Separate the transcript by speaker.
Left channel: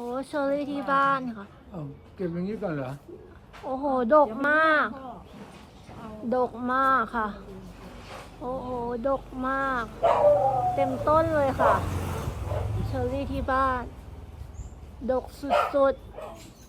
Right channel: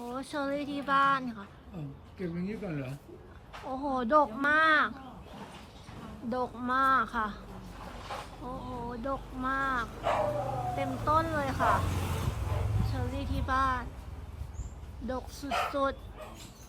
Speaker 1: อ้เชอรี่ที่บ้านค่ะ
Speaker 2: เอาเก็บอย่างนี้ก่อนเหรอ
Speaker 1: โอ้โห ดกมาก ดกมากค่ะ โอ้โห ดกมาก เต็มต้นเลยค่ะ เชอรี่ที่บ้าน ดกสุดๆ